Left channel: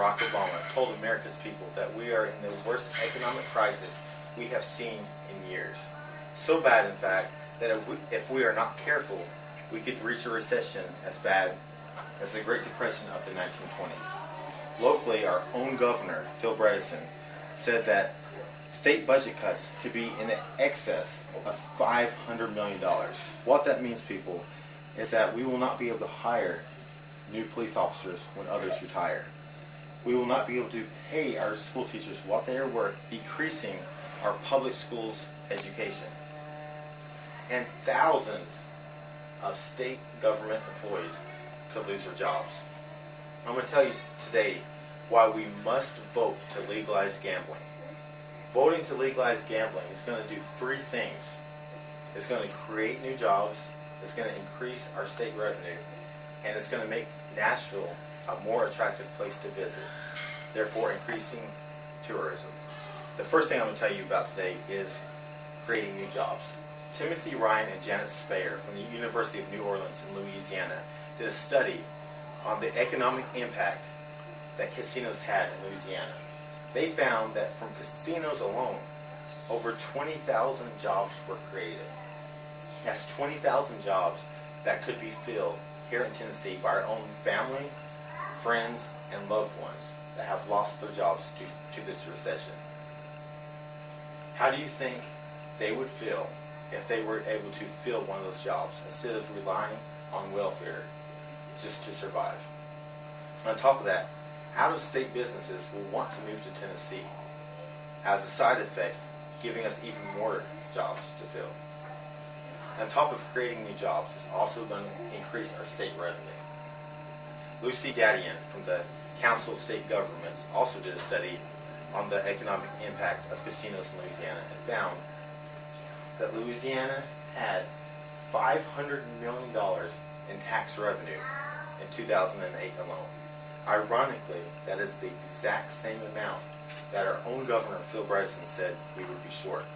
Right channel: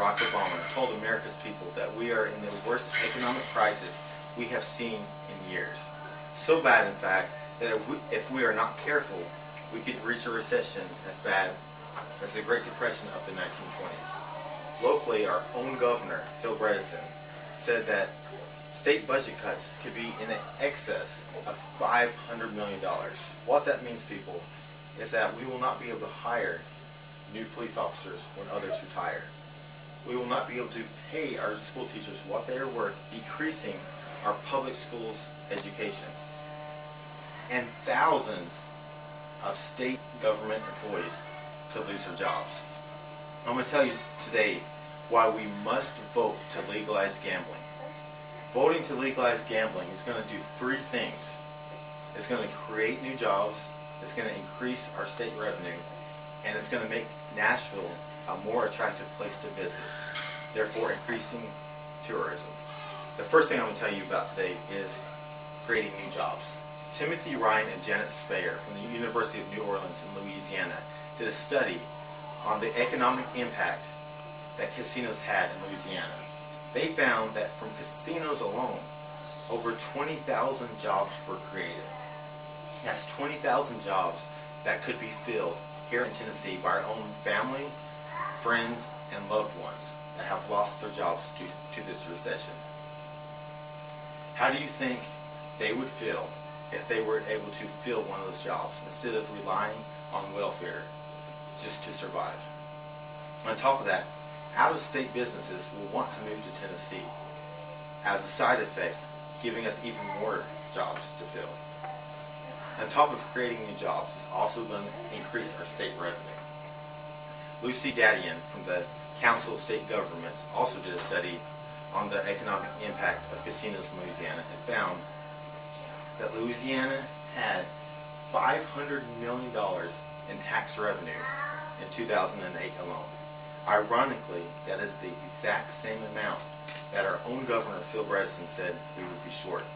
Barack Obama told America's people that we are in the worst economic crisis we have seen in years. So bad, in fact, that if we are not careful, we could reach a recession as bad as the Great Depression of the 1920s. Locally, our own governor, Phil Bredesen, said that state budget cuts could be in excess of $500 million. What that means, people, is that we will not be able to hire new police officers when others retire. We will not be able to pay our school teachers what they are worth, decreasing our public schools education. And thousands of state government employees could lose their jobs. I'm going to tell you today why we must vote to legalize gambling. Voting to legalize gambling is going to do three things. It's going to create new jobs, it's going to increase our state revenue, and it's going to make Nashville a more attractive place to visit, therefore increasing tourism. The first thing I'm going to tell you about today is creating new jobs. Timothy Ryan and Janet Spayer from the University of New Orleans in Louisiana did a study on the economic impact that casinos had in Louisiana. They found that from casinos alone, over 20,000 jobs were created. That's 20,000 jobs that could be filled here in Tennessee by our own family, friends, and loved ones that have lost their jobs to this recession. How do you think they would feel if they were able to fill one of those jobs instead of relying on welfare just to survive? On top of that, out-of-state businesses will want to move to Tennessee. As a side effect, giving us even more jobs to fill. On top of creating new jobs, it's also going to increase our state revenue. Lucy Dadian from the Council of State Governments also did a study on the economic impact of casinos in Louisiana and found that Louisiana had $500 million in tax revenue in 2008 alone. Ironically, that is the exact same amount that our own governor, Phil Bredesen, said we would be short.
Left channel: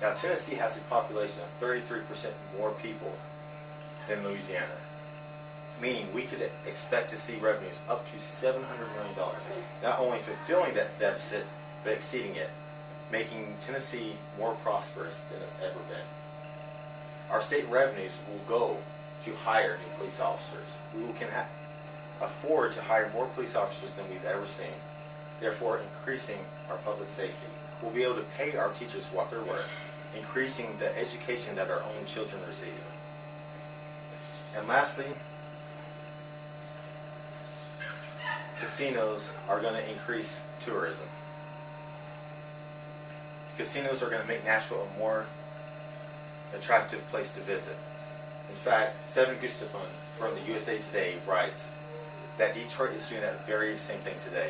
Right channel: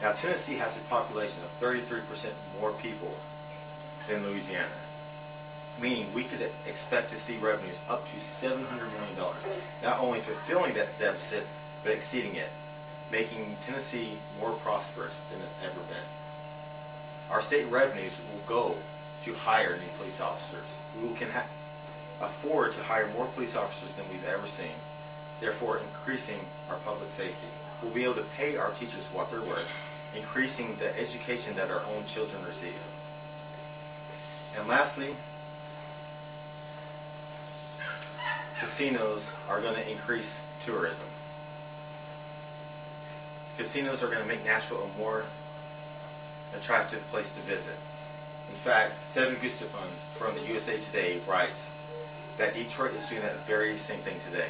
Now, Tennessee has a population of 33% more people than Louisiana, meaning we could expect to see revenues up to $700 million, not only fulfilling that deficit, but exceeding it, making Tennessee more prosperous than it's ever been. Our state revenues will go to hire new police officers. We can afford to hire more police officers than we've ever seen, therefore increasing our public safety. We'll be able to pay our teachers what they're worth, increasing the education that our own children receive. And lastly, casinos are going to increase tourism. Casinos are going to make Nashville a more attractive place to visit. In fact, Seven Gustafson from the USA Today writes that Detroit is doing that very same thing today.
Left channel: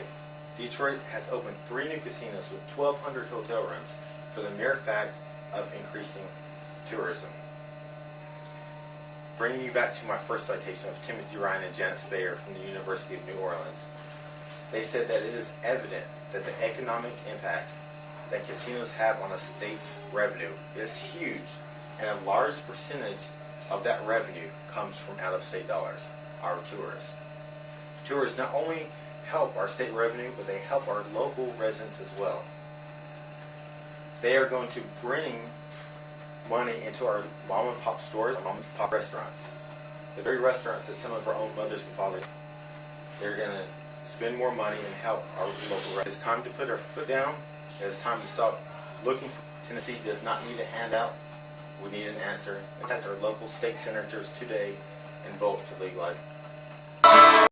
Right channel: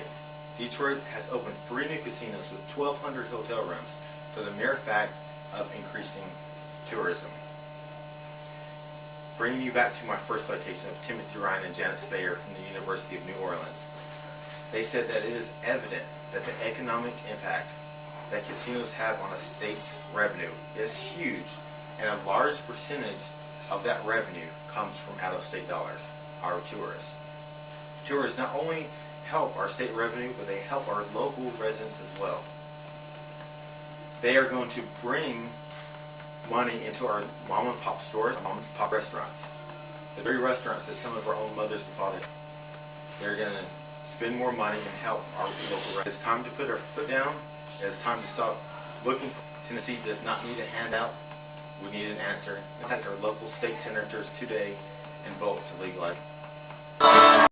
Detroit has opened 3 new casinos with 1,200 hotel rooms for the mere fact of increasing tourism. Bringing you back to my first citation of Timothy Ryan and Janet Spayer from the University of New Orleans, they said that it is evident that the economic impact that casinos have on a state's revenue is huge, and a large percentage of that revenue comes from out-of-state dollars, our tourists. Tourists not only help our state revenue, but they help our local residents as well. They are going to bring money into our mom and pop stores, mom and pop restaurants. The very restaurants that some of our own mothers and fathers, they're going to spend more money and help our local residents. It's time to put our foot down. It's time to stop looking for. Tennessee does not need a handout. We need an answer. Contact our local state senators today and vote to legalize